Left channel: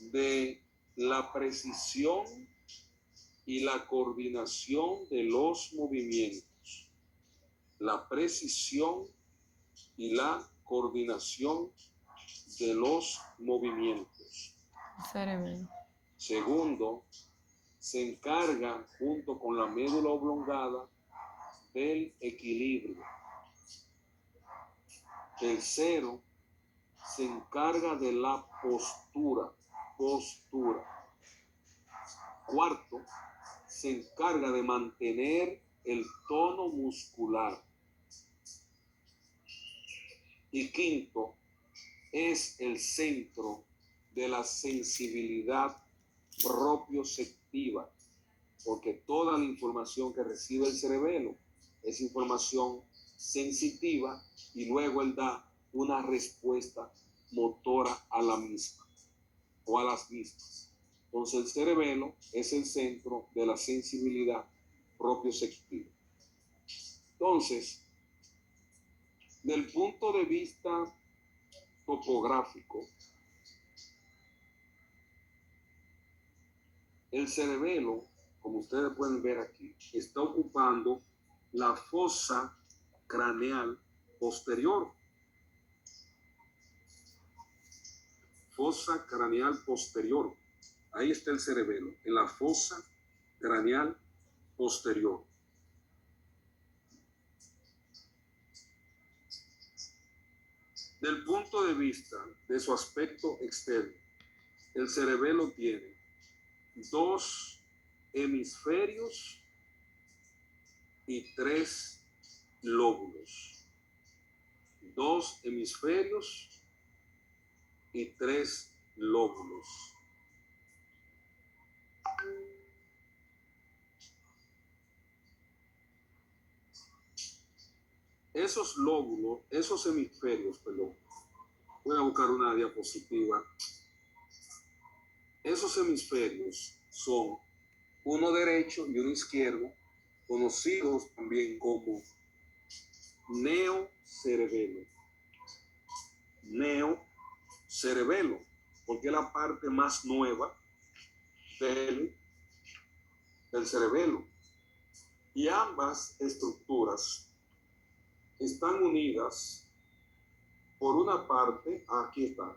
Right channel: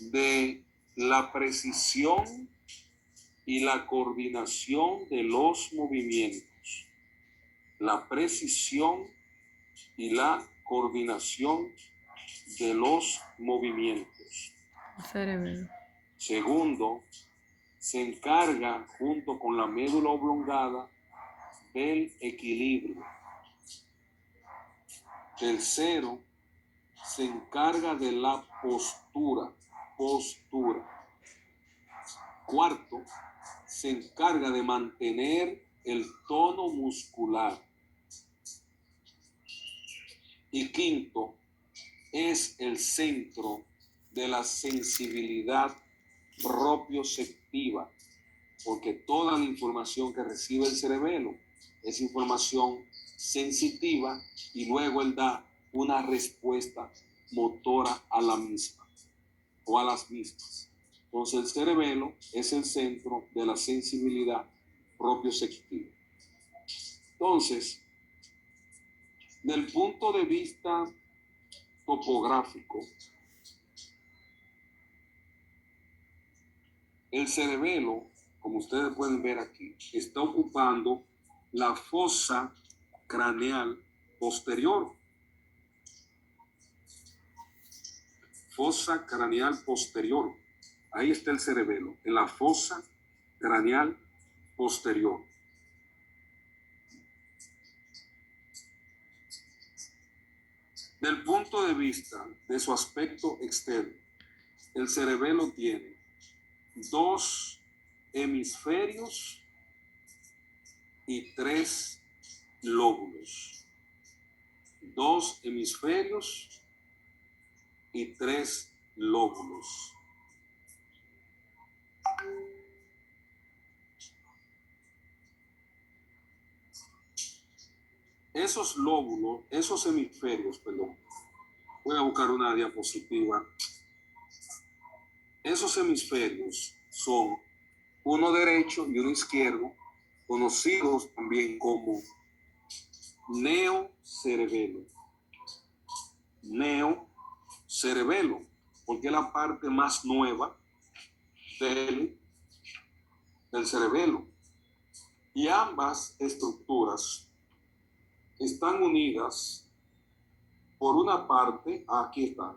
de la precisión y la coordinación de los movimientos. La precisión y la coordinación de los movimientos. Cerebelo. Segundo, se encarga junto con la médula oblongada del equilibrio. Tercero, se encarga de la postura. Cuarto, se encarga de mantener el tono muscular. Y quinto, es el centro de la sensibilidad propioceptiva, porque toda la información que recibe el cerebelo es información sensitiva y luego él da una respuesta motora a la misma o a las mismas. Entonces el cerebelo es el centro de la sensibilidad propioceptiva. Entonces, del punto de vista topográfico, el cerebelo, como ustedes pueden ver aquí, está ocupando la fosa craneal posterior. Fosa craneal posterior. Ahí está el cerebelo, en la fosa craneal posterior. Del punto de vista de su aspecto externo, el cerebelo tiene dos hemisferios y tres lóbulos. Dos hemisferios y tres lóbulos. Esos lóbulos, esos hemisferios, perdón, voy a buscar una diapositiva. Esos hemisferios son uno derecho y uno izquierdo, conocidos también como neocerebelo. Neocerebelo, porque es la parte más nueva del cerebelo. Y ambas estructuras están unidas por una parte, aquí están,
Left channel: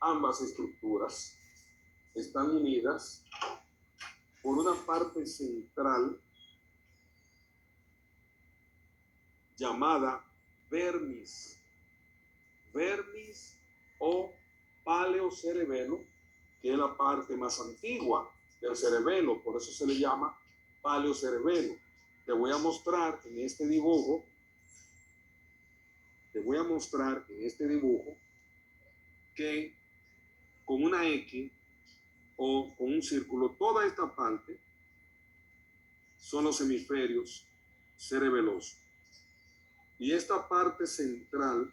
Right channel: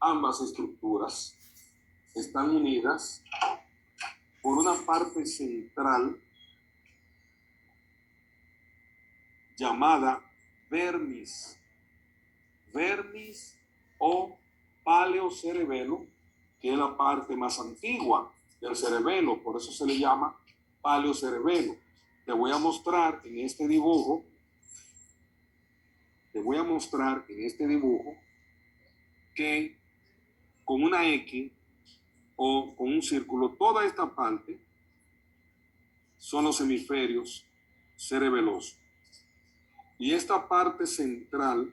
ambas estructuras están unidas por una parte central llamada vermis o paleocerebelo, que es la parte más antigua del cerebelo, por eso se le llama paleocerebelo. Te voy a mostrar en este dibujo, que con una X o con un círculo, toda esta parte son los hemisferios cerebelosos. Y esta parte central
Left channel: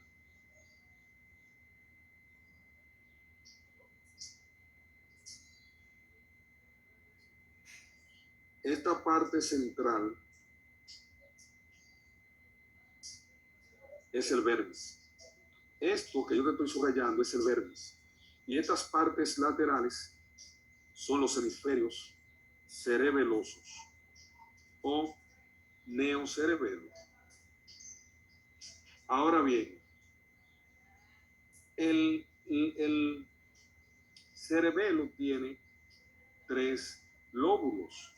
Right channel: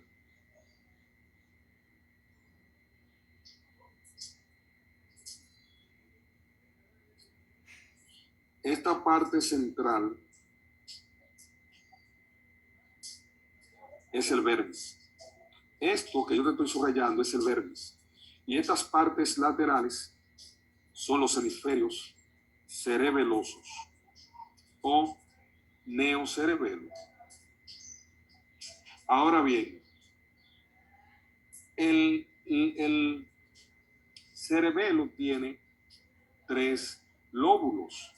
es el vermis. Esto que yo te estoy subrayando es el vermis. Y estas partes laterales son los hemisferios cerebelosos o neocerebelo. Ahora bien, el cerebelo tiene tres lóbulos.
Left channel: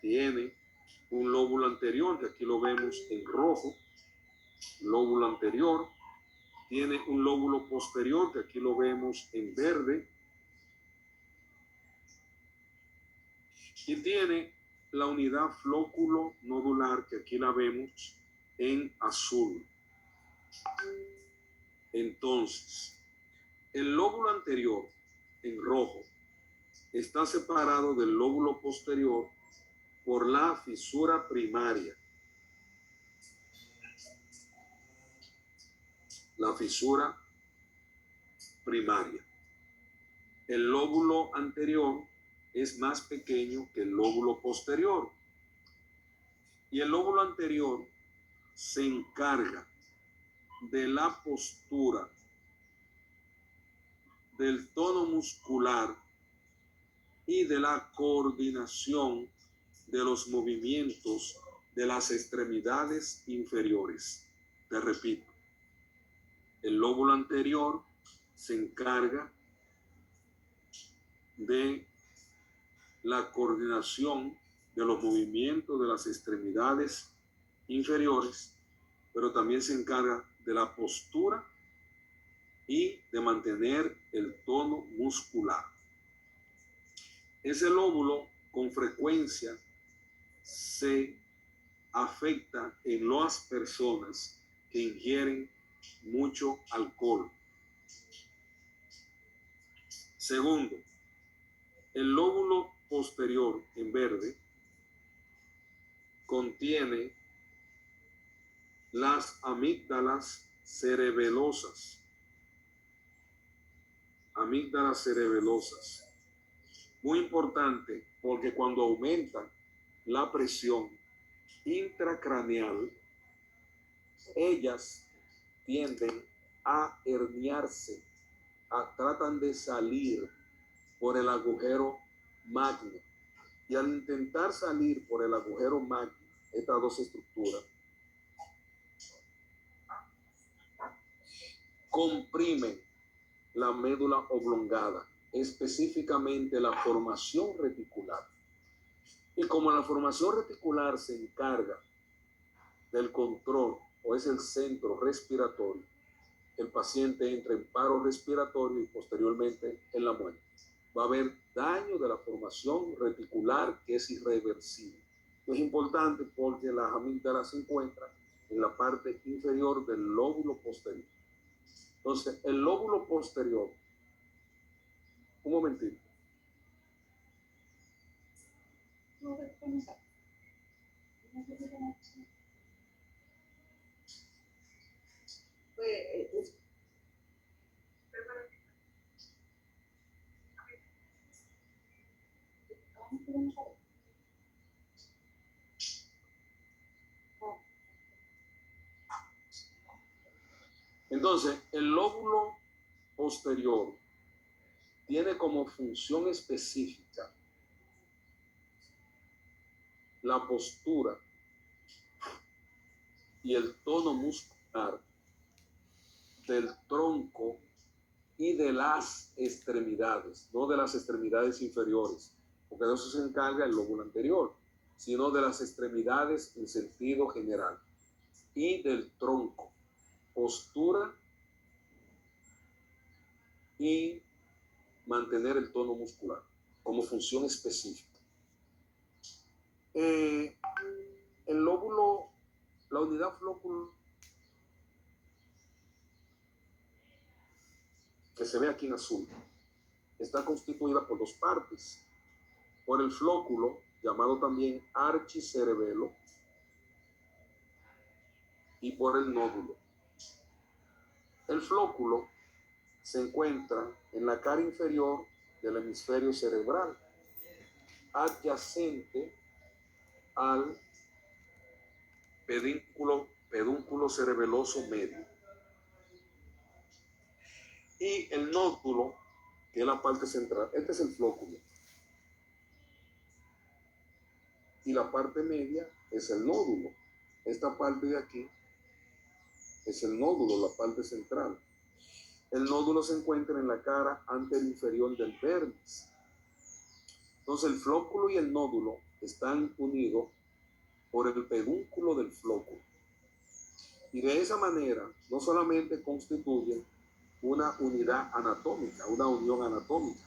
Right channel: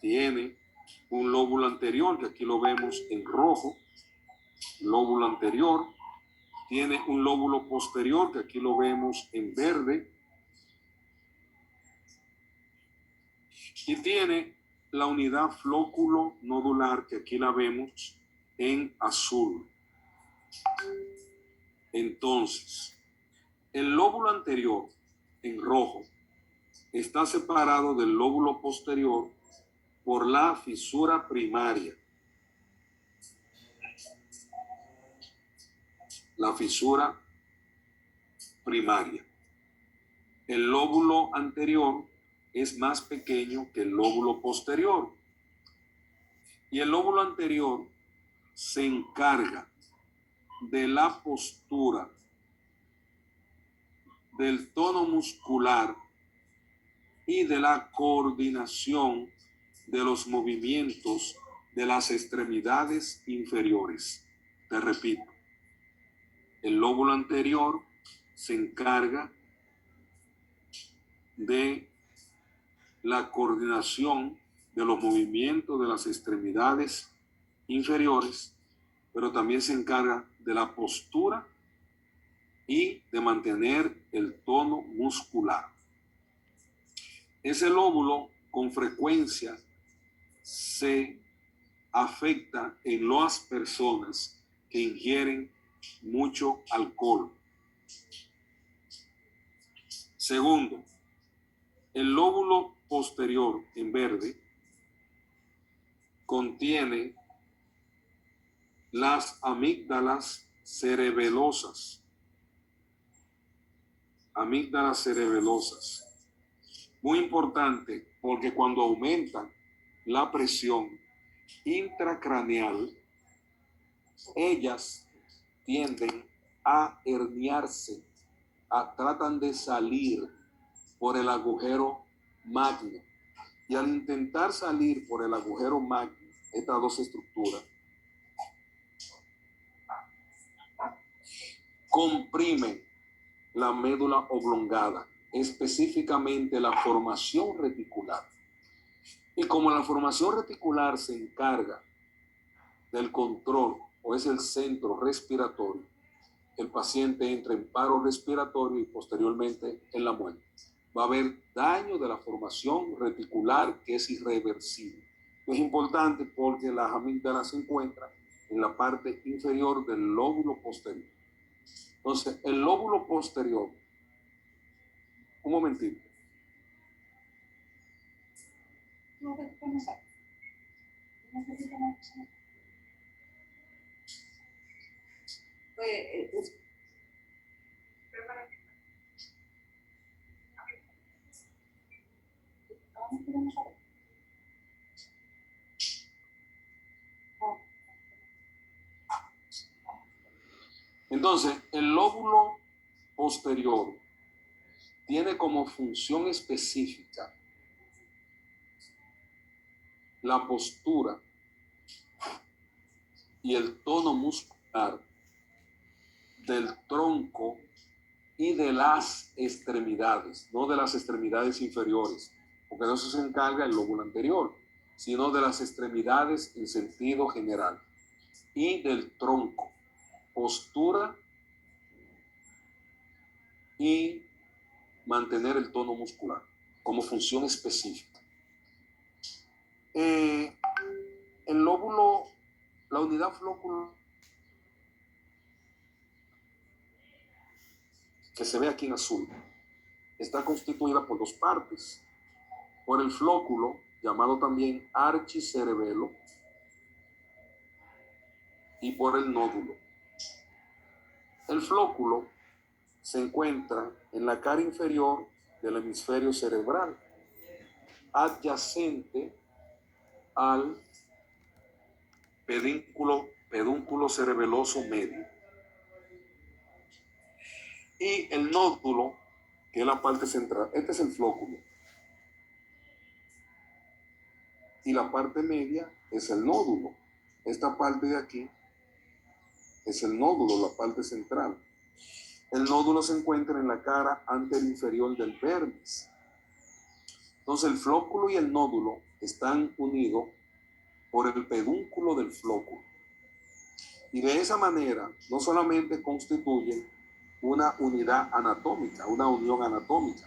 Tiene un lóbulo anterior, que aquí lo vemos en rojo, lóbulo anterior. Tiene un lóbulo posterior, que aquí lo vemos en verde. Y tiene la unidad flóculo-nodular, que aquí la vemos en azul. Entonces, el lóbulo anterior, en rojo, está separado del lóbulo posterior por la fisura primaria. La fisura primaria. El lóbulo anterior es más pequeño que el lóbulo posterior. Y el lóbulo anterior se encarga de la postura del tono muscular y de la coordinación de los movimientos de las extremidades inferiores. Te repito, el lóbulo anterior se encarga de la coordinación de los movimientos de las extremidades inferiores, pero también se encarga de la postura y de mantener el tono muscular. Ese lóbulo con frecuencia se afecta en las personas que ingieren mucho alcohol. Segundo, el lóbulo posterior en verde contiene las amígdalas cerebelosas. Amígdalas cerebelosas. Muy importante porque cuando aumenta la presión intracraneal, ellas tienden a herniarse, tratan de salir por el agujero magno. Y al intentar salir por el agujero magno, estas dos estructuras comprimen la médula oblongada, específicamente la formación reticular. Y como la formación reticular se encarga del control o es el centro respiratorio, el paciente entra en paro respiratorio y posteriormente en la muerte. Va a haber daño de la formación reticular que es irreversible. Es importante porque las amígdalas se encuentran en la parte inferior del lóbulo posterior. Entonces, el lóbulo posterior, un momentito. Entonces, el lóbulo posterior tiene como función específica la postura y el tono muscular del tronco y de las extremidades, no de las extremidades inferiores, porque de eso se encarga el lóbulo anterior, sino de las extremidades en sentido general y del tronco, postura y mantener el tono muscular como función específica. El lóbulo, la unidad flóculo que se ve aquí en azul, está constituida por dos partes. Por el flóculo, llamado también archicerebelo, y por el nódulo. El flóculo se encuentra en la cara inferior del hemisferio cerebral, adyacente al pedúnculo cerebeloso medio. Y el nódulo, que es la parte central, este es el flóculo. Y la parte media es el nódulo. Esta parte de aquí es el nódulo, la parte central. El nódulo se encuentra en la cara anterinferior del vermis. Entonces el flóculo y el nódulo están unidos por el pedúnculo del flóculo. Y de esa manera no solamente constituyen una unidad anatómica, una unión anatómica,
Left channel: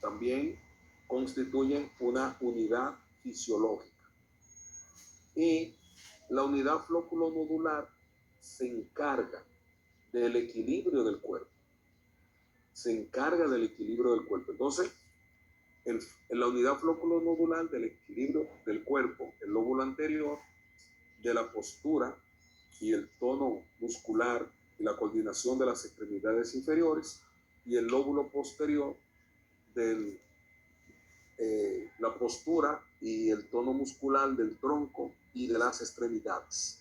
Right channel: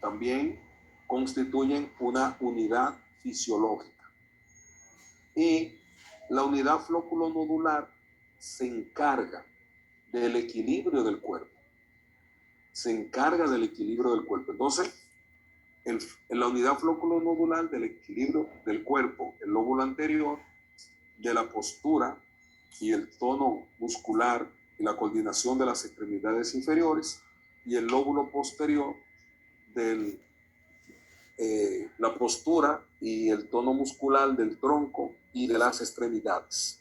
también constituyen una unidad fisiológica. Y la unidad flóculo-nodular se encarga del equilibrio del cuerpo. Se encarga del equilibrio del cuerpo. Entonces, en la unidad flóculo-nodular del equilibrio del cuerpo, el lóbulo anterior, de la postura y el tono muscular y la coordinación de las extremidades inferiores, y el lóbulo posterior de la postura y el tono muscular del tronco y de las extremidades.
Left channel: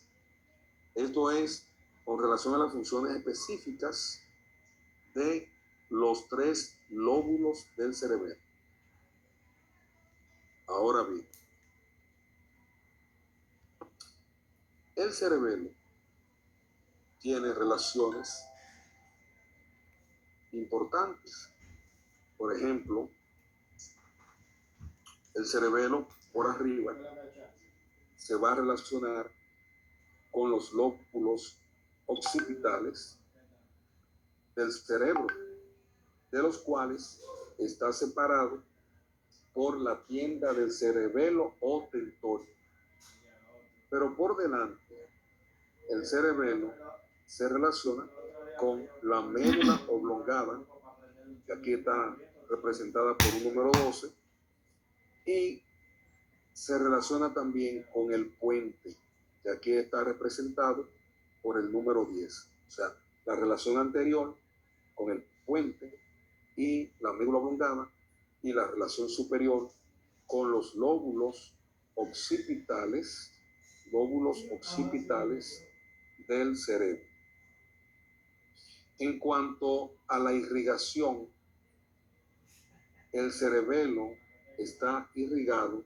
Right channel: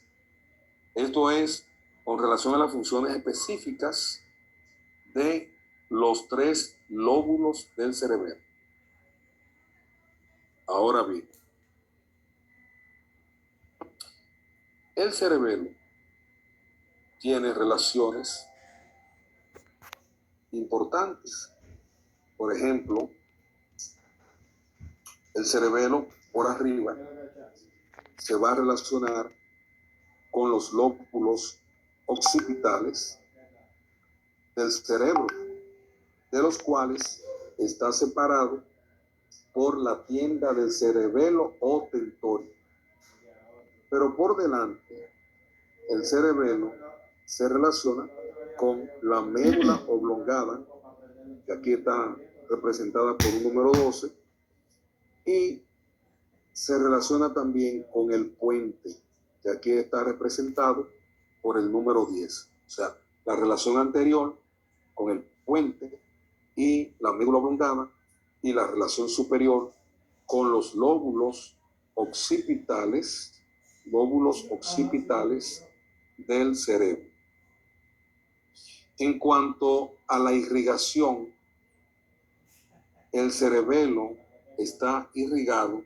Esto es con relación a las funciones específicas de los 3 lóbulos del cerebelo. Ahora bien, el cerebelo tiene relaciones importantes. Por ejemplo, el cerebelo por arriba se va a relacionar con los lóbulos occipitales del cerebro, de los cuales está separado por la tienda del cerebelo o tentorio. Pero por delante, el cerebelo se relaciona con la médula oblongada, que aquí está representada por un número 12, y se relaciona también con el puente, que aquí está representado por el número 10. O sea, la relación anterior con el puente y la médula oblongada, y la relación superior con los lóbulos occipitales del cerebro. En cuanto a la irrigación, el cerebelo está irrigado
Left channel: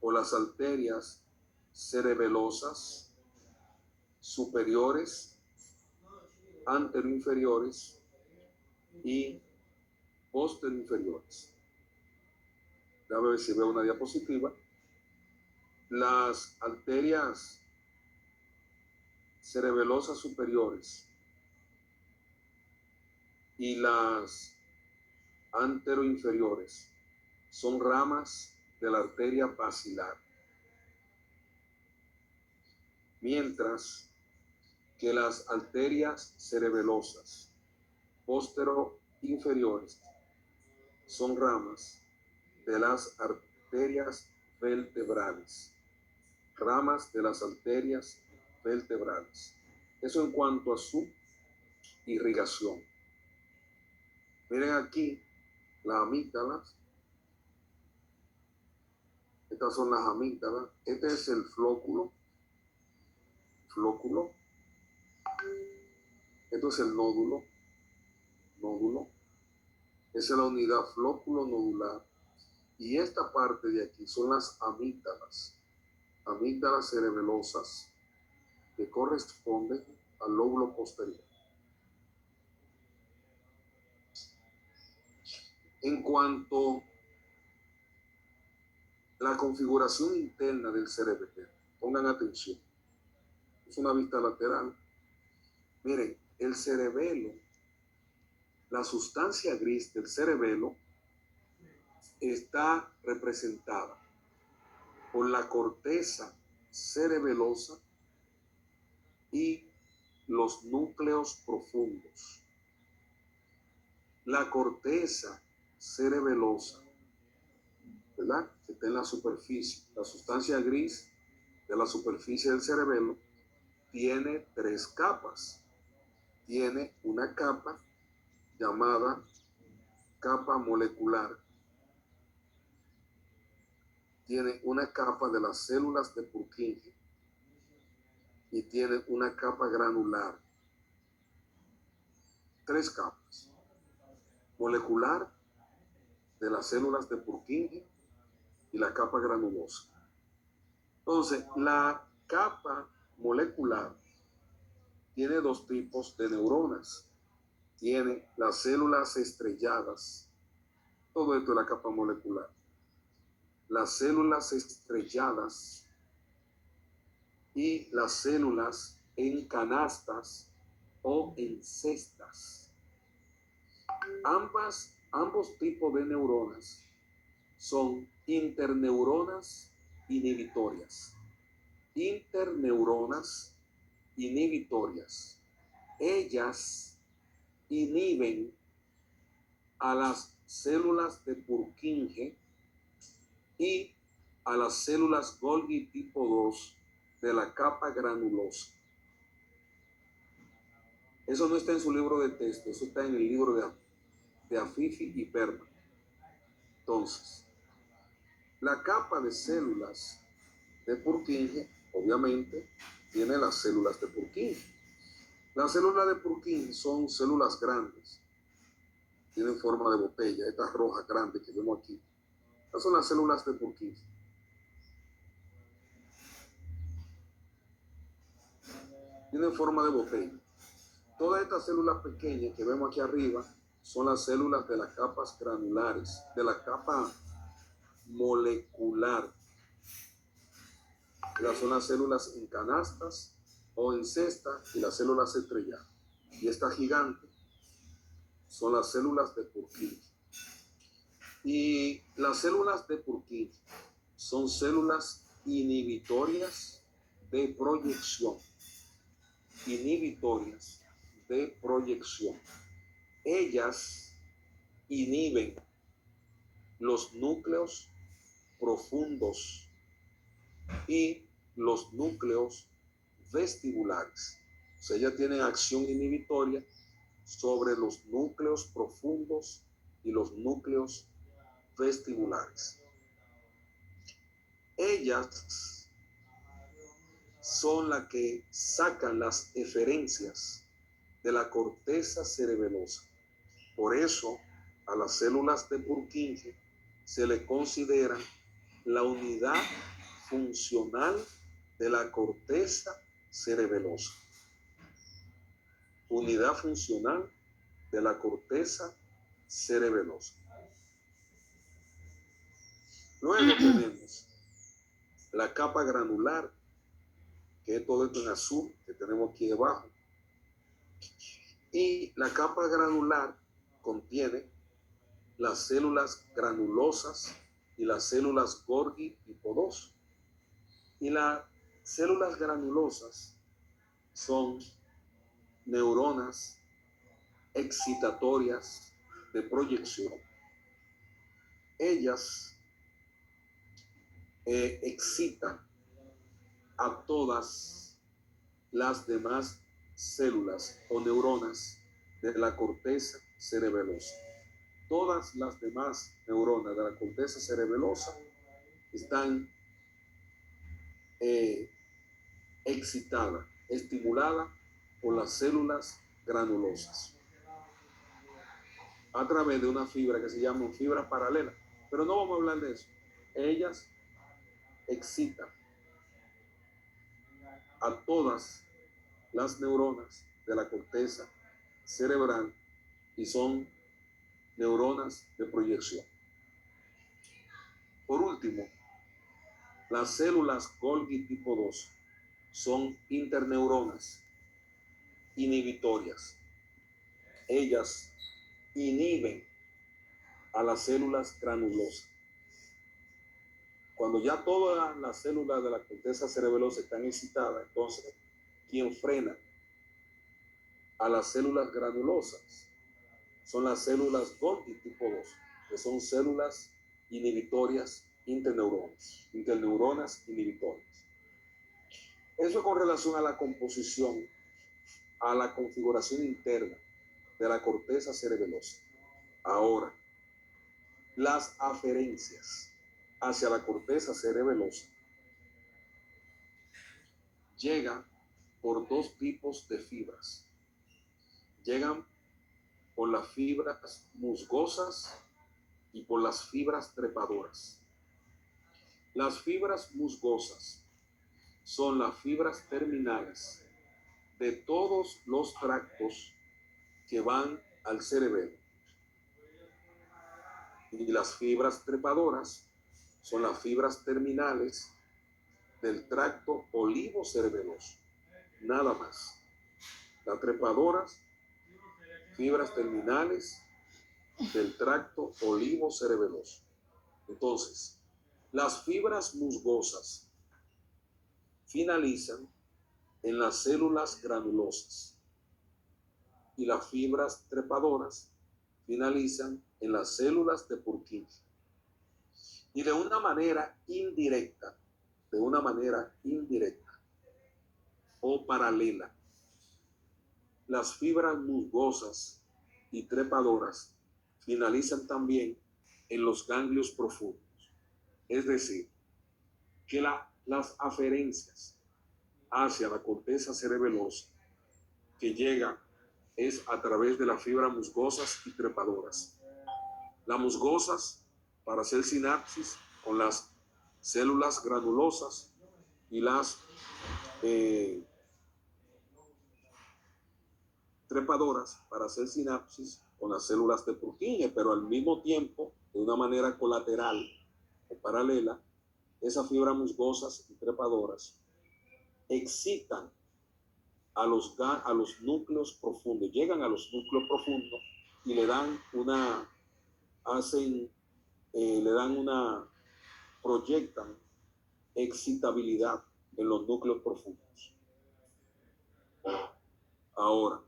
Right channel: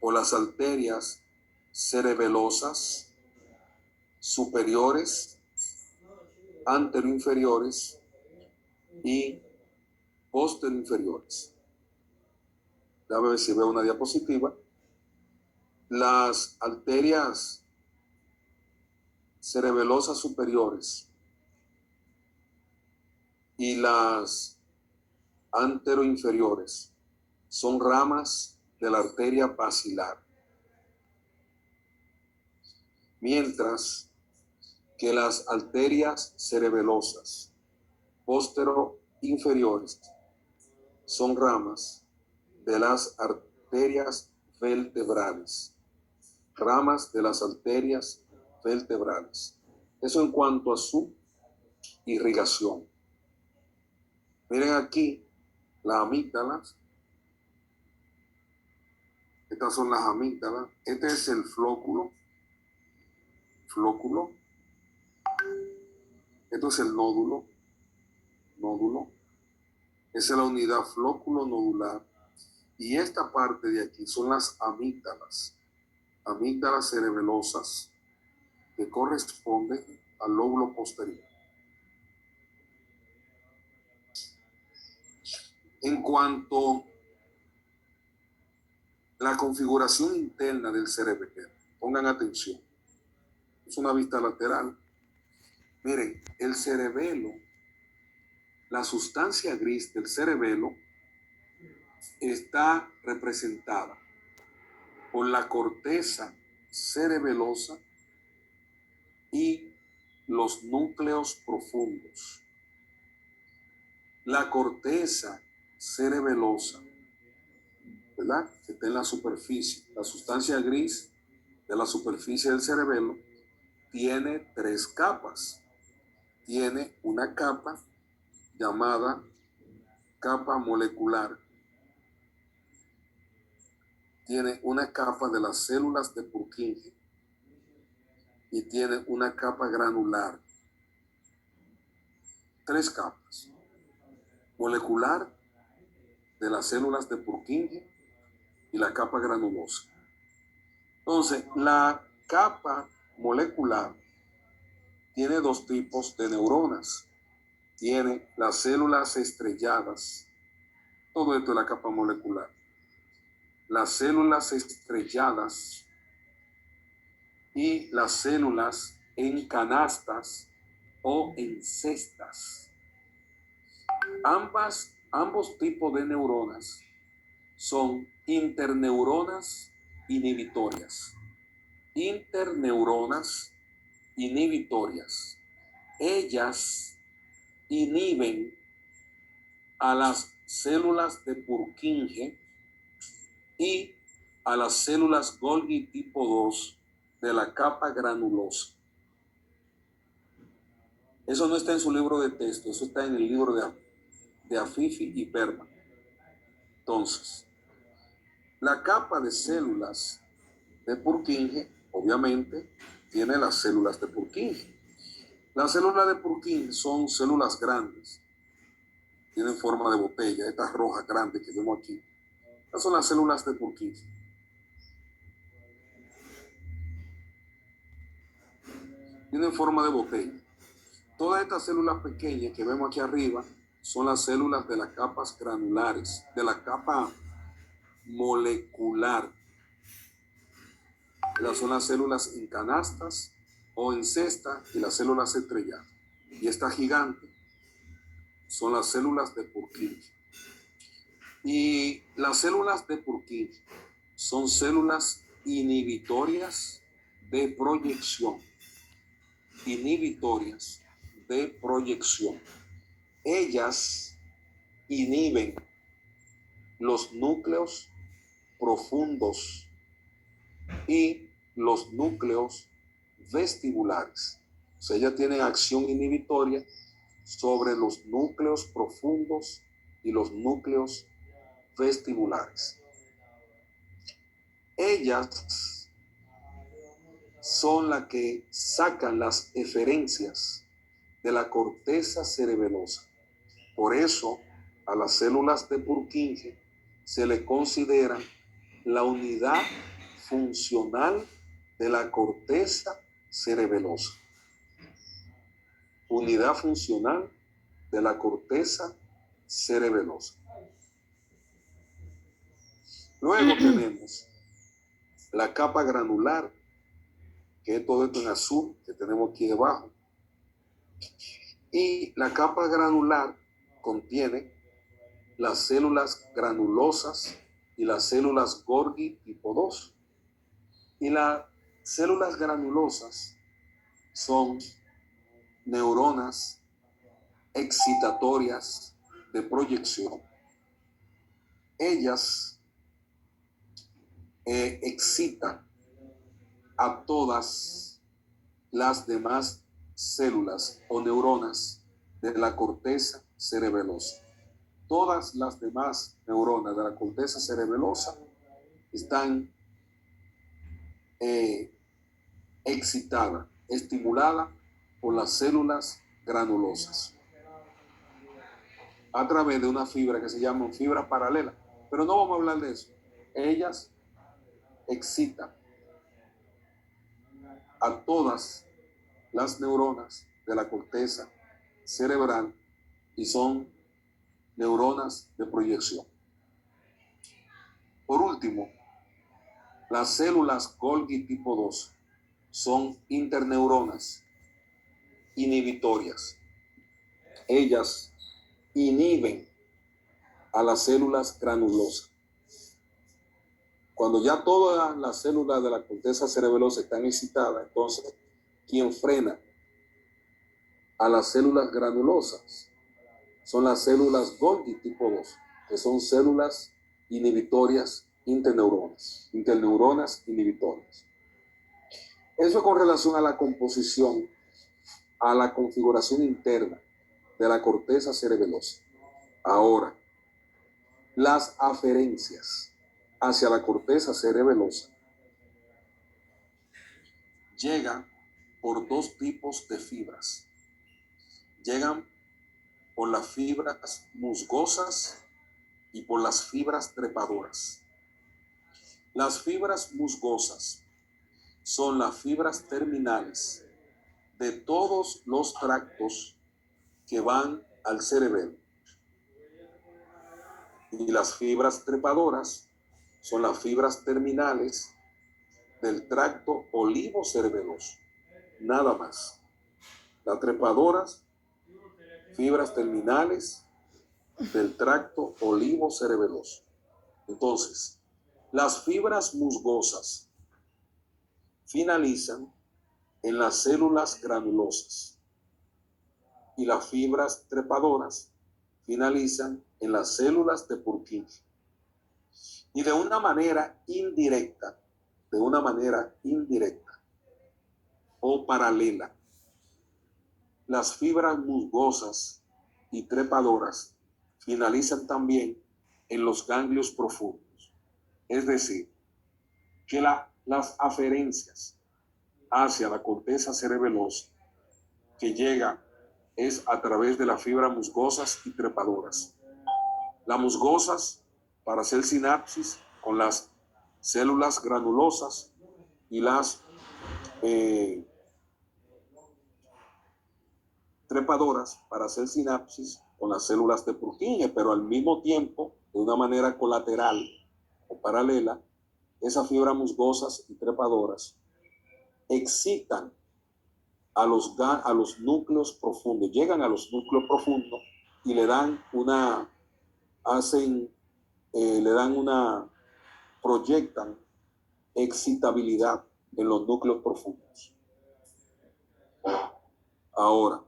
por las arterias cerebelosas superiores, anteroinferiores y posteriores. Déjame ver si veo una diapositiva. Las arterias cerebelosas superiores y las anteroinferiores son ramas de la arteria basilar, mientras que las arterias cerebelosas posteroinferiores son ramas de las arterias vertebrales, ramas de las arterias vertebrales. Eso en cuanto a su irrigación. Miren aquí las amígdalas. Estas son las amígdalas. Este es el flóculo. Esto es el nódulo. Esa es la unidad flóculo nodular. Y esta parte de aquí son las amígdalas cerebelosas, que corresponden al lóbulo posterior. En cuanto a la configuración interna del cerebelo, pongan atención, es una vista lateral. Miren, el cerebelo, la sustancia gris del cerebelo está representada por la corteza cerebelosa y los núcleos profundos. La corteza cerebelosa, ¿verdad?, que está en la superficie, la sustancia gris de la superficie del cerebelo, tiene 3 capas. Tiene una capa llamada capa molecular, tiene una capa de las células de Purkinje y tiene una capa granular. 3 capas: molecular, de las células de Purkinje, y la capa granulosa. Entonces, la capa molecular tiene 2 tipos de neuronas. Tiene las células estrelladas. Todo esto es la capa molecular. Las células estrelladas y las células en canastas o en cestas. Ambos tipos de neuronas son interneuronas inhibitorias. Interneuronas inhibitorias. Ellas inhiben a las células de Purkinje y a las células Golgi tipo 2 de la capa granulosa. Eso no está en su libro de texto, eso está en el libro de Afifi y Berman. Entonces, la capa de células de Purkinje, obviamente, tiene las células de Purkinje. Las células de Purkinje son células grandes, tienen forma de botella, estas rojas grandes que vemos aquí. Estas son las células de Purkinje. Tienen forma de botella. Todas estas células pequeñas que vemos aquí arriba son las células de las capas granulares, de la capa molecular. Estas son las células en canastas o en cesta y las células estrelladas. Y esta gigante son las células de Purkinje. Y las células de Purkinje son células inhibitorias de proyección. Inhibitorias de proyección. Ellas inhiben los núcleos profundos y los núcleos vestibulares. O sea, ellas tienen acción inhibitoria sobre los núcleos profundos y los núcleos vestibulares. Ellas son las que sacan las eferencias de la corteza cerebelosa. Por eso, a las células de Purkinje se le considera la unidad funcional de la corteza cerebelosa. Unidad funcional de la corteza cerebelosa. Luego tenemos la capa granular, que es todo esto en azul que tenemos aquí debajo. Y la capa granular contiene las células granulosas y las células Golgi tipo 2. Y las células granulosas son neuronas excitatorias de proyección. Ellas excitan a todas las demás células o neuronas de la corteza cerebelosa. Todas las demás neuronas de la corteza cerebelosa están excitadas, estimuladas por las células granulosas a través de una fibra que se llama fibra paralela. Pero no vamos a hablar de eso. Ellas excitan a todas las neuronas de la corteza cerebral y son neuronas de proyección. Por último, las células Golgi tipo 2 son interneuronas inhibitorias. Ellas inhiben a las células granulosas. Cuando ya todas las células de la corteza cerebelosa están excitadas, entonces, quien frena a las células granulosas son las células Golgi tipo 2, que son células inhibitorias interneuronas inhibitorias. Eso con relación a la composición, a la configuración interna de la corteza cerebelosa. Ahora, las aferencias hacia la corteza cerebelosa llegan por dos tipos de fibras. Llegan por las fibras musgosas y por las fibras trepadoras. Las fibras musgosas son las fibras terminales de todos los tractos que van al cerebelo. Y las fibras trepadoras son las fibras terminales del tracto olivo-cerebeloso. Nada más. Las trepadoras, fibras terminales del tracto olivo-cerebeloso. Entonces, las fibras musgosas finalizan en las células granulosas y las fibras trepadoras finalizan en las células de Purkinje. Y de una manera indirecta o paralela, las fibras musgosas y trepadoras finalizan también en los ganglios profundos. Es decir, que las aferencias hacia la corteza cerebelosa que llega es a través de las fibras musgosas y trepadoras. Las musgosas para hacer sinapsis con las células granulosas y las trepadoras para hacer sinapsis con las células de Purkinje, pero al mismo tiempo, de una manera colateral o paralela, esas fibras musgosas y trepadoras excitan a los núcleos profundos, llegan a los núcleos profundos y le dan proyectan excitabilidad en los núcleos profundos. Ahora,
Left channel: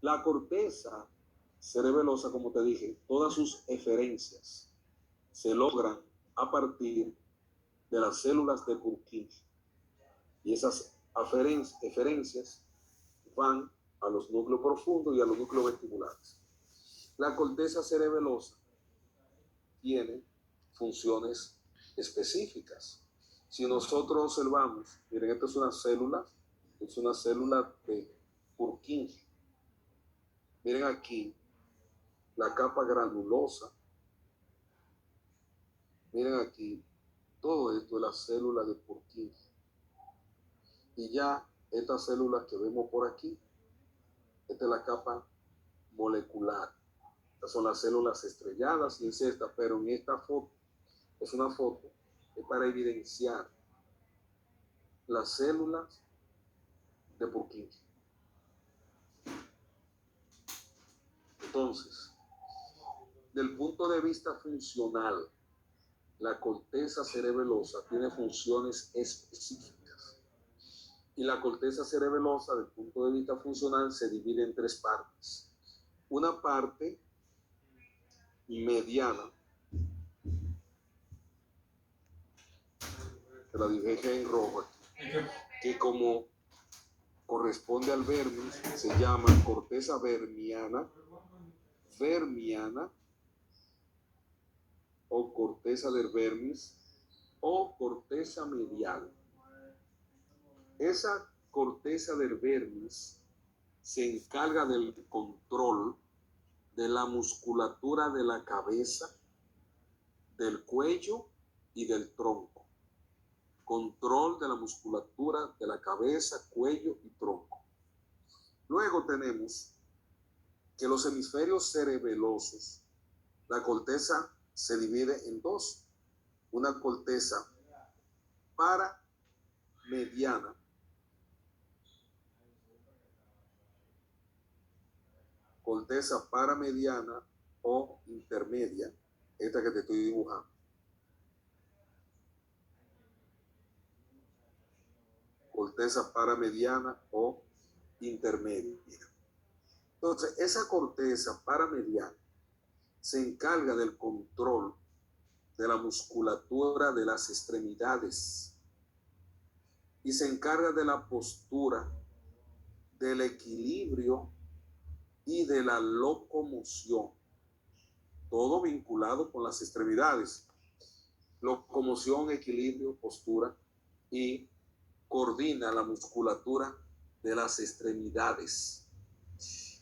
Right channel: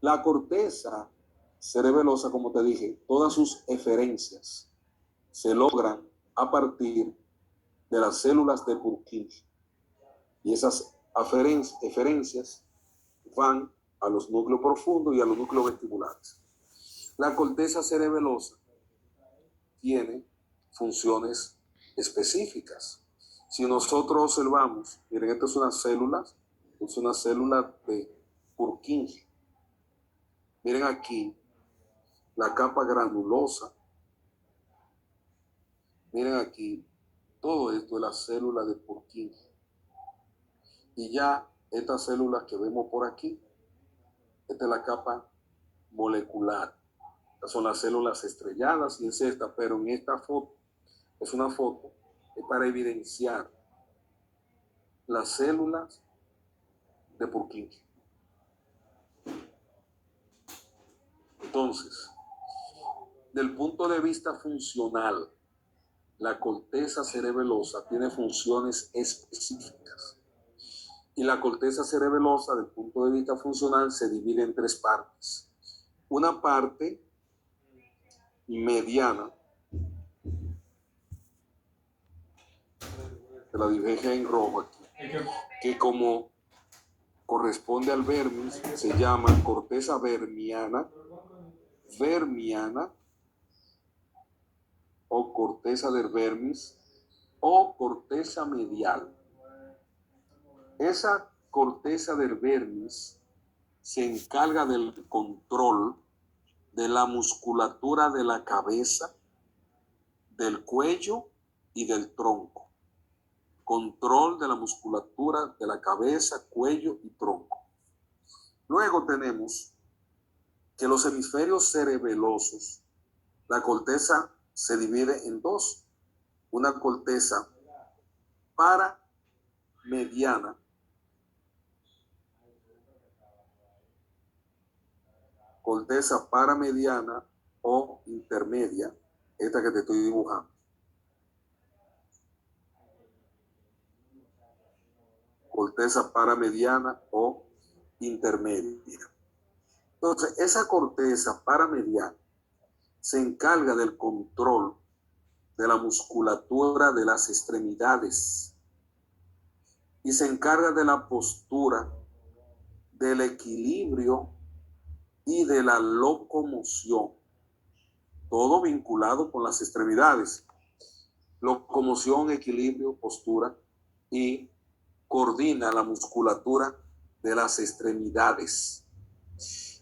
la corteza cerebelosa, como te dije, todas sus eferencias se logran a partir de las células de Purkinje. Y esas eferencias van a los núcleos profundos y a los núcleos vestibulares. La corteza cerebelosa tiene funciones específicas. Si nosotros observamos, miren, esto es una célula de Purkinje. Miren aquí la capa granulosa. Miren aquí, todo esto es la célula de Purkinje. Y ya estas células que vemos por aquí, esta es la capa molecular. Estas son las células estrelladas y es esta, pero en esta foto, es una foto para evidenciar las células de Purkinje. Entonces, del punto de vista funcional, la corteza cerebelosa tiene funciones específicas. Y la corteza cerebelosa, del punto de vista funcional, se divide en tres partes. Una parte mediana, que la dibujé en rojo aquí, que como corresponde al vermis, se llama corteza vermiana o corteza del vermis o corteza medial. Esa corteza del vermis se encarga del control de la musculatura de la cabeza, del cuello y del tronco. Control de la musculatura de la cabeza, cuello y tronco. Luego tenemos que los hemisferios cerebelosos, la corteza se divide en dos. Una corteza paramediana, corteza paramediana o intermedia, esta que te estoy dibujando. Corteza paramediana o intermedia. Entonces, esa corteza paramediana se encarga del control de la musculatura de las extremidades y se encarga de la postura, del equilibrio y de la locomoción, todo vinculado con las extremidades. Locomoción, equilibrio, postura, y coordina la musculatura de las extremidades.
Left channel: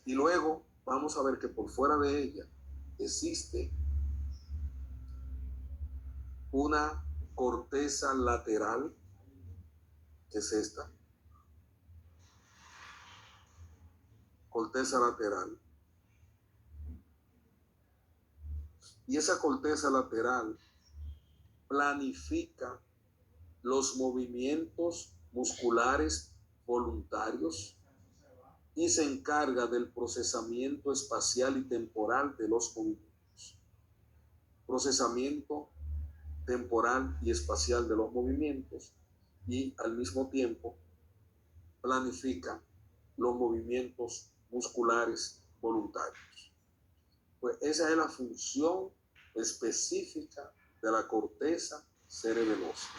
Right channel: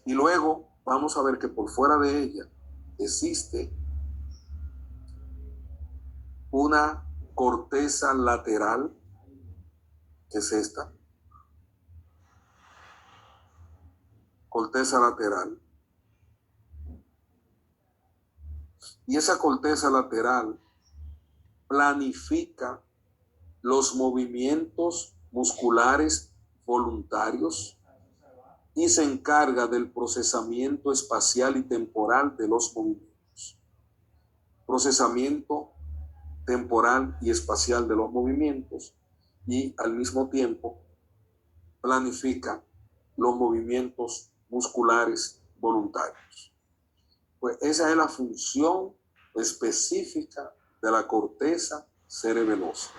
Y luego vamos a ver que por fuera de ella existe una corteza lateral, que es esta, corteza lateral. Y esa corteza lateral planifica los movimientos musculares voluntarios y se encarga del procesamiento espacial y temporal de los movimientos. Procesamiento temporal y espacial de los movimientos y al mismo tiempo planifica los movimientos musculares voluntarios. Pues esa es la función específica de la corteza cerebelosa.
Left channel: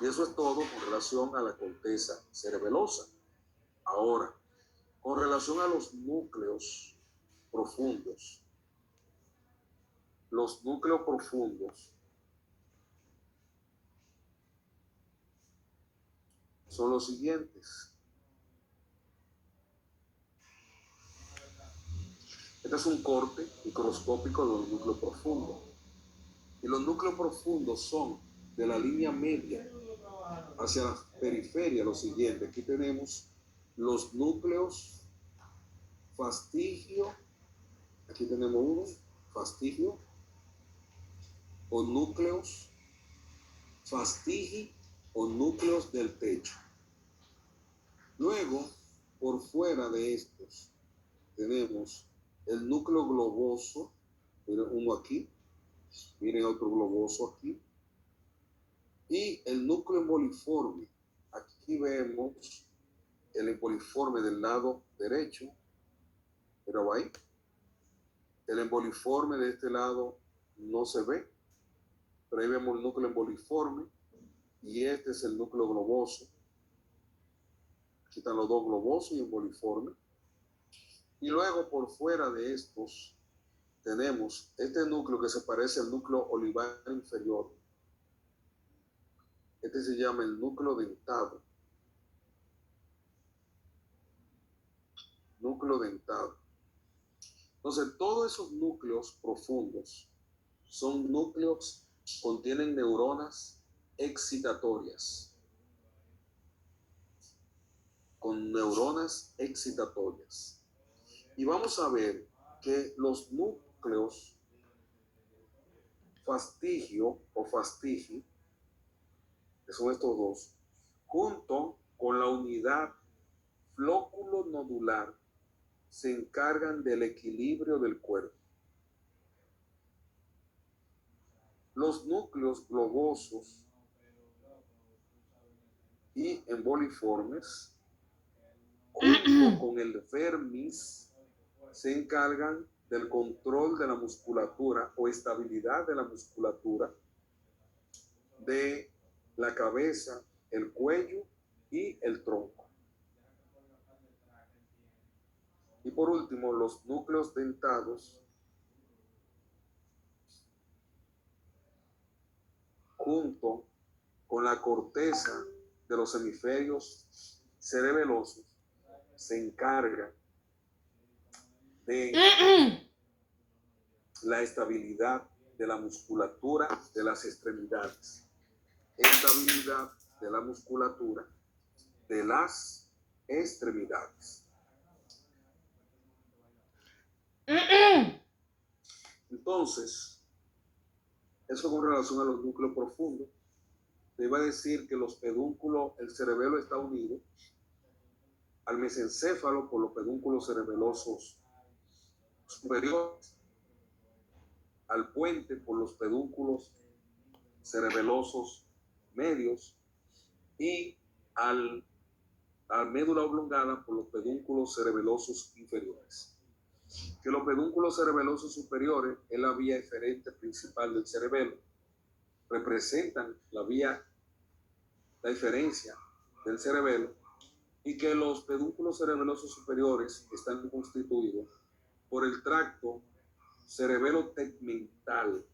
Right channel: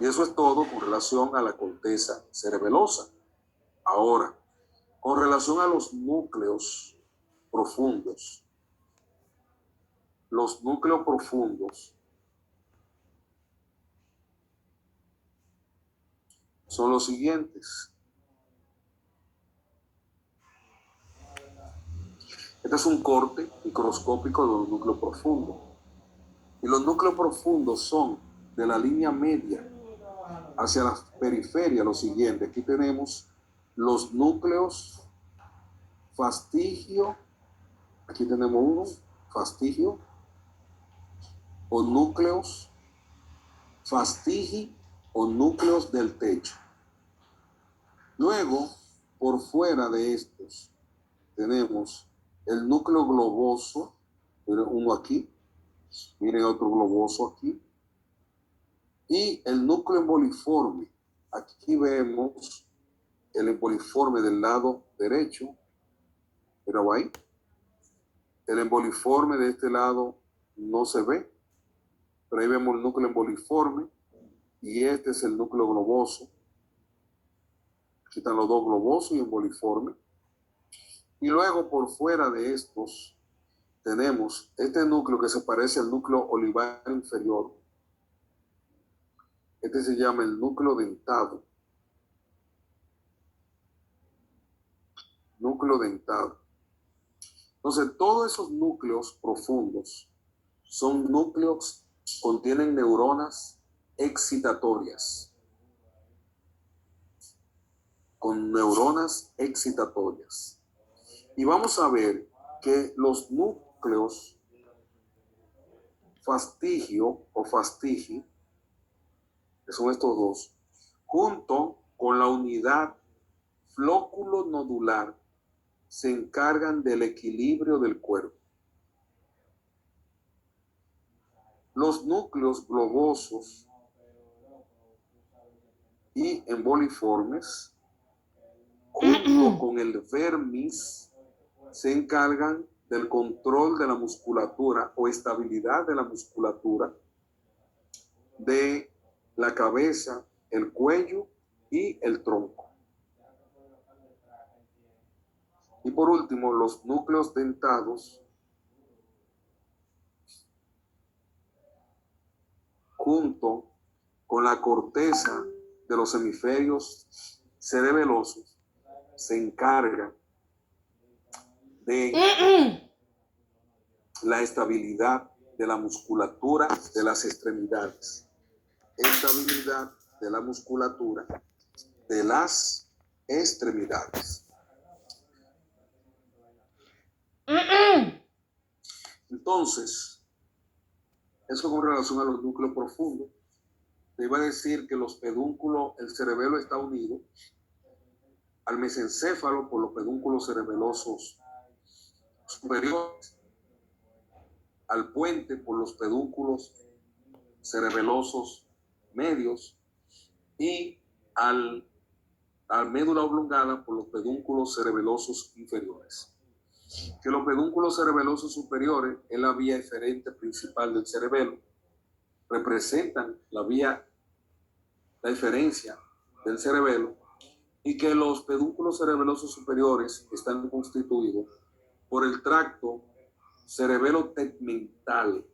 Y eso es todo con relación a la corteza cerebelosa. Ahora, con relación a los núcleos profundos, son los siguientes. Este es un corte microscópico de los núcleos profundos. Y los núcleos profundos son de la línea media hacia la periferia lo siguiente. Aquí tenemos los núcleos fastigio. Aquí tenemos uno, fastigio, o núcleos fastigi o núcleos del techo. Luego, por fuera de estos, tenemos el núcleo globoso, uno aquí, miren otro globoso aquí, y el núcleo emboliforme. Aquí vemos el emboliforme del lado derecho, pero ahí, el emboliforme de este lado no se ve, pero ahí vemos el núcleo emboliforme, y este es el núcleo globoso. Aquí están los dos globosos y emboliforme. Y luego por fuera de estos tenemos este núcleo que se parece al núcleo olivar inferior. Este se llama el núcleo dentado. Núcleo dentado. Entonces, todos esos núcleos profundos son núcleos, contienen neuronas excitatorias. Con neuronas excitatorias. Y vamos a ver que los núcleos fastigio o fastigi, que son estos dos, junto con la unidad flóculo nodular, se encargan del equilibrio del cuerpo. Los núcleos globosos y emboliformes, junto con el vermis, se encargan del control de la musculatura o estabilidad de la musculatura de la cabeza, el cuello y el tronco. Y por último, los núcleos dentados, junto con la corteza de los hemisferios cerebelosos, se encargan de la estabilidad de la musculatura de las extremidades. Estabilidad de la musculatura de las extremidades. Entonces, eso con relación a los núcleos profundos. Te iba a decir que los pedúnculos, el cerebelo está unido al mesencéfalo por los pedúnculos cerebelosos superiores, al puente por los pedúnculos cerebelosos medios y al médula oblongada por los pedúnculos cerebelosos inferiores. Que los pedúnculos cerebelosos superiores es la vía eferente principal del cerebelo, representan la eferencia del cerebelo, y que los pedúnculos cerebelosos superiores están constituidos por el tracto cerebelo-tegmental,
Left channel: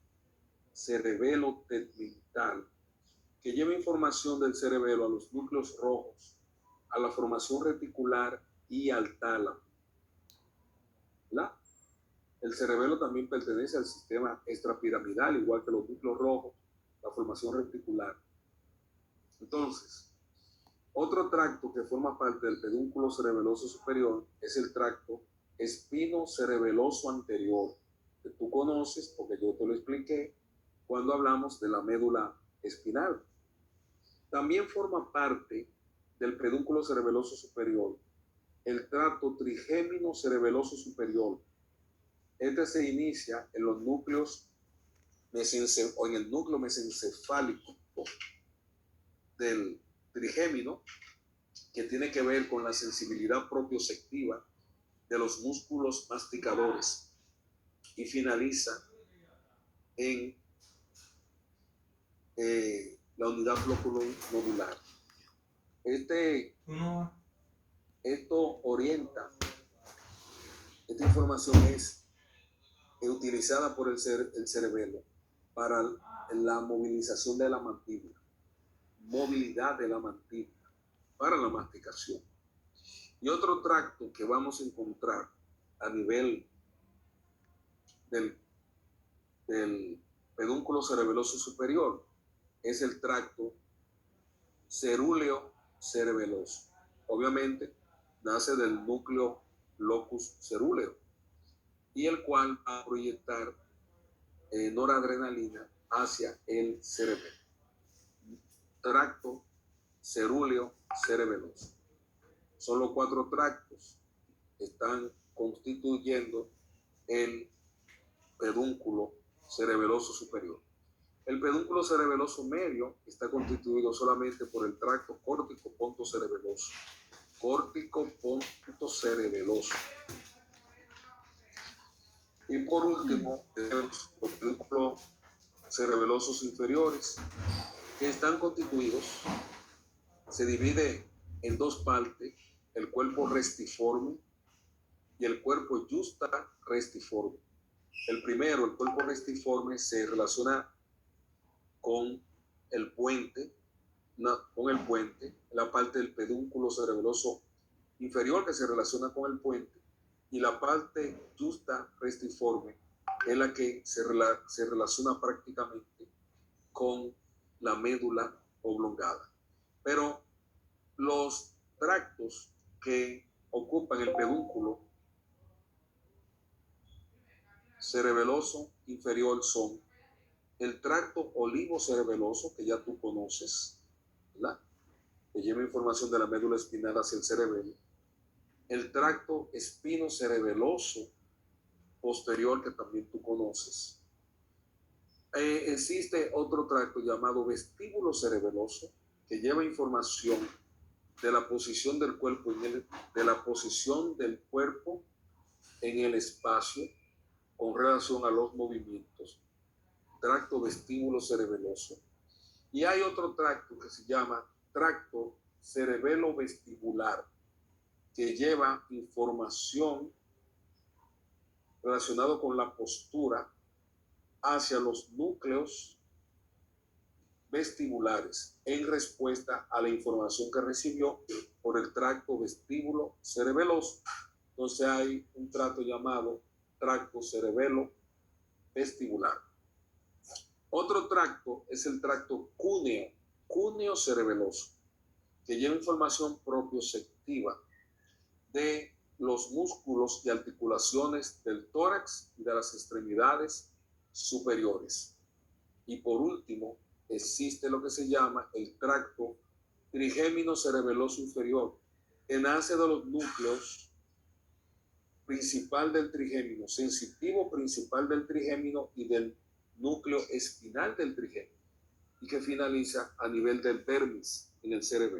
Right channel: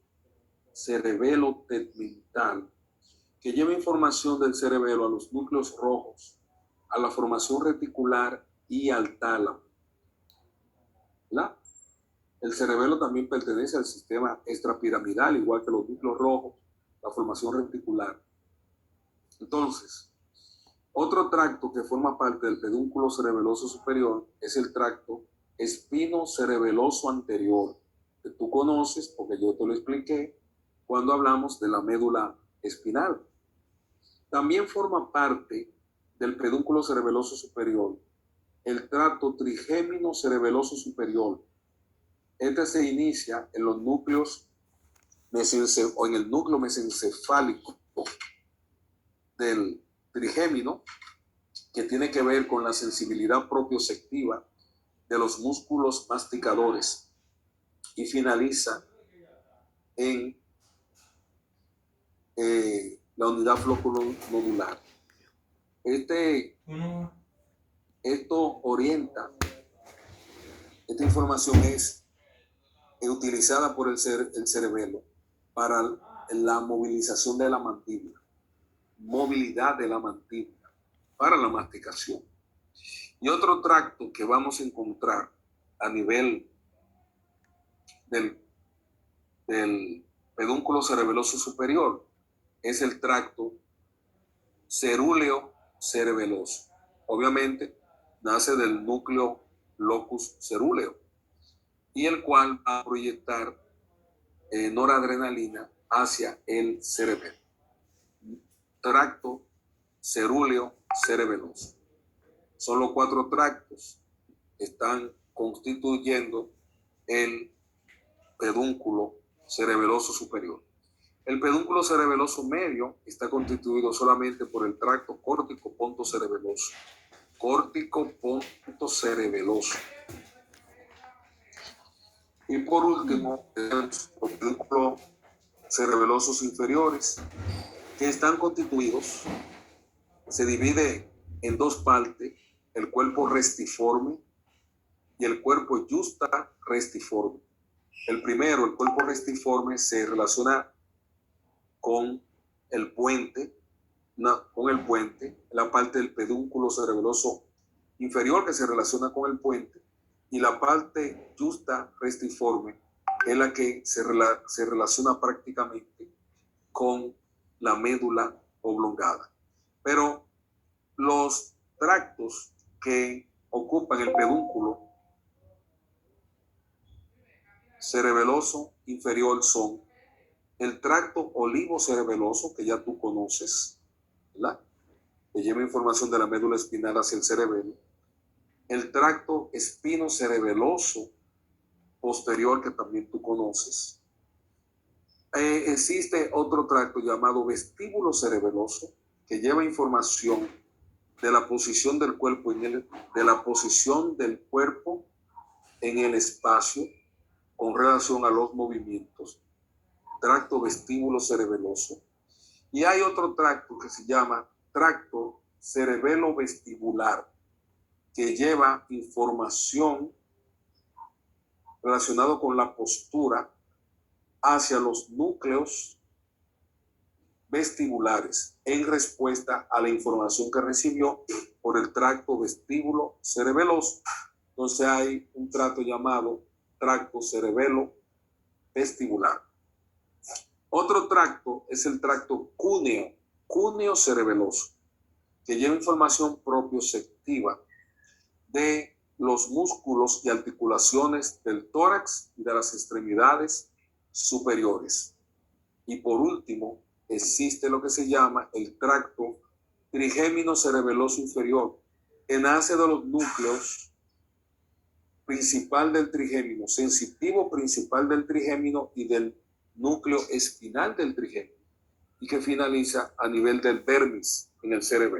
que lleva información del cerebelo a los núcleos rojos, a la formación reticular y al tálamo. ¿La? El cerebelo también pertenece al sistema extrapiramidal, igual que los núcleos rojos, la formación reticular. Entonces, otro tracto que forma parte del pedúnculo cerebeloso superior es el tracto espinocerebeloso anterior, que tú conoces porque yo te lo expliqué cuando hablamos de la médula espinal. También forma parte del pedúnculo cerebeloso superior el tracto trigémino cerebeloso superior. Este se inicia en los núcleos o en el núcleo mesencefálico del trigémino, que tiene que ver con la sensibilidad propioceptiva de los músculos masticadores, y finaliza en la unidad flóculo-nodular. Esto orienta, esta información es utilizada por el cerebelo para la movilización de la mandíbula, movilidad de la mandíbula. para la masticación. Y otro tracto que vamos a encontrar a nivel del pedúnculo cerebeloso superior es el tracto cerúleo cerebeloso. Obviamente nace del núcleo locus cerúleo y el cual va a proyectar noradrenalina hacia el cerebelo. Tracto cerúleo cerebeloso. Son los 4 tractos que están constituyendo el pedúnculo cerebeloso superior. El pedúnculo cerebeloso medio está constituido solamente por el tracto córtico ponto cerebeloso. Córtico ponto cerebeloso. Y por último, los pedúnculos cerebelosos inferiores, que están constituidos, se divide en 2 partes, el cuerpo restiforme y el cuerpo justa restiforme. El primero, el cuerpo restiforme, se relaciona con el puente, la parte del pedúnculo cerebeloso inferior que se relaciona con el puente, y la parte justa restiforme es la que se relaciona prácticamente con la médula oblongada. Pero los tractos que ocupan el pedúnculo cerebeloso inferior son el tracto olivo-cerebeloso, que ya tú conoces, ¿verdad?, que lleva información de la médula espinal hacia el cerebelo. El tracto espino-cerebeloso posterior, que también tú conoces. Existe otro tracto llamado vestíbulo cerebeloso, que lleva información de la posición del cuerpo en el espacio con relación a los movimientos. Tracto vestíbulo cerebeloso. Y hay otro tracto que se llama tracto cerebelo vestibular, que lleva información relacionada con la postura hacia los núcleos vestibulares en respuesta a la información que recibió por el tracto vestíbulo cerebeloso. Entonces hay un tracto llamado tracto cerebelo vestibular. Otro tracto es el tracto cúneo cerebeloso, que lleva información propioceptiva de los músculos y articulaciones del tórax y de las extremidades superiores. Y por último, existe lo que se llama el tracto trigémino cerebeloso inferior, que nace de los núcleos principal del trigémino, sensitivo principal del trigémino y del núcleo espinal del trigémino, y que finaliza a nivel del dermis en el cerebelo.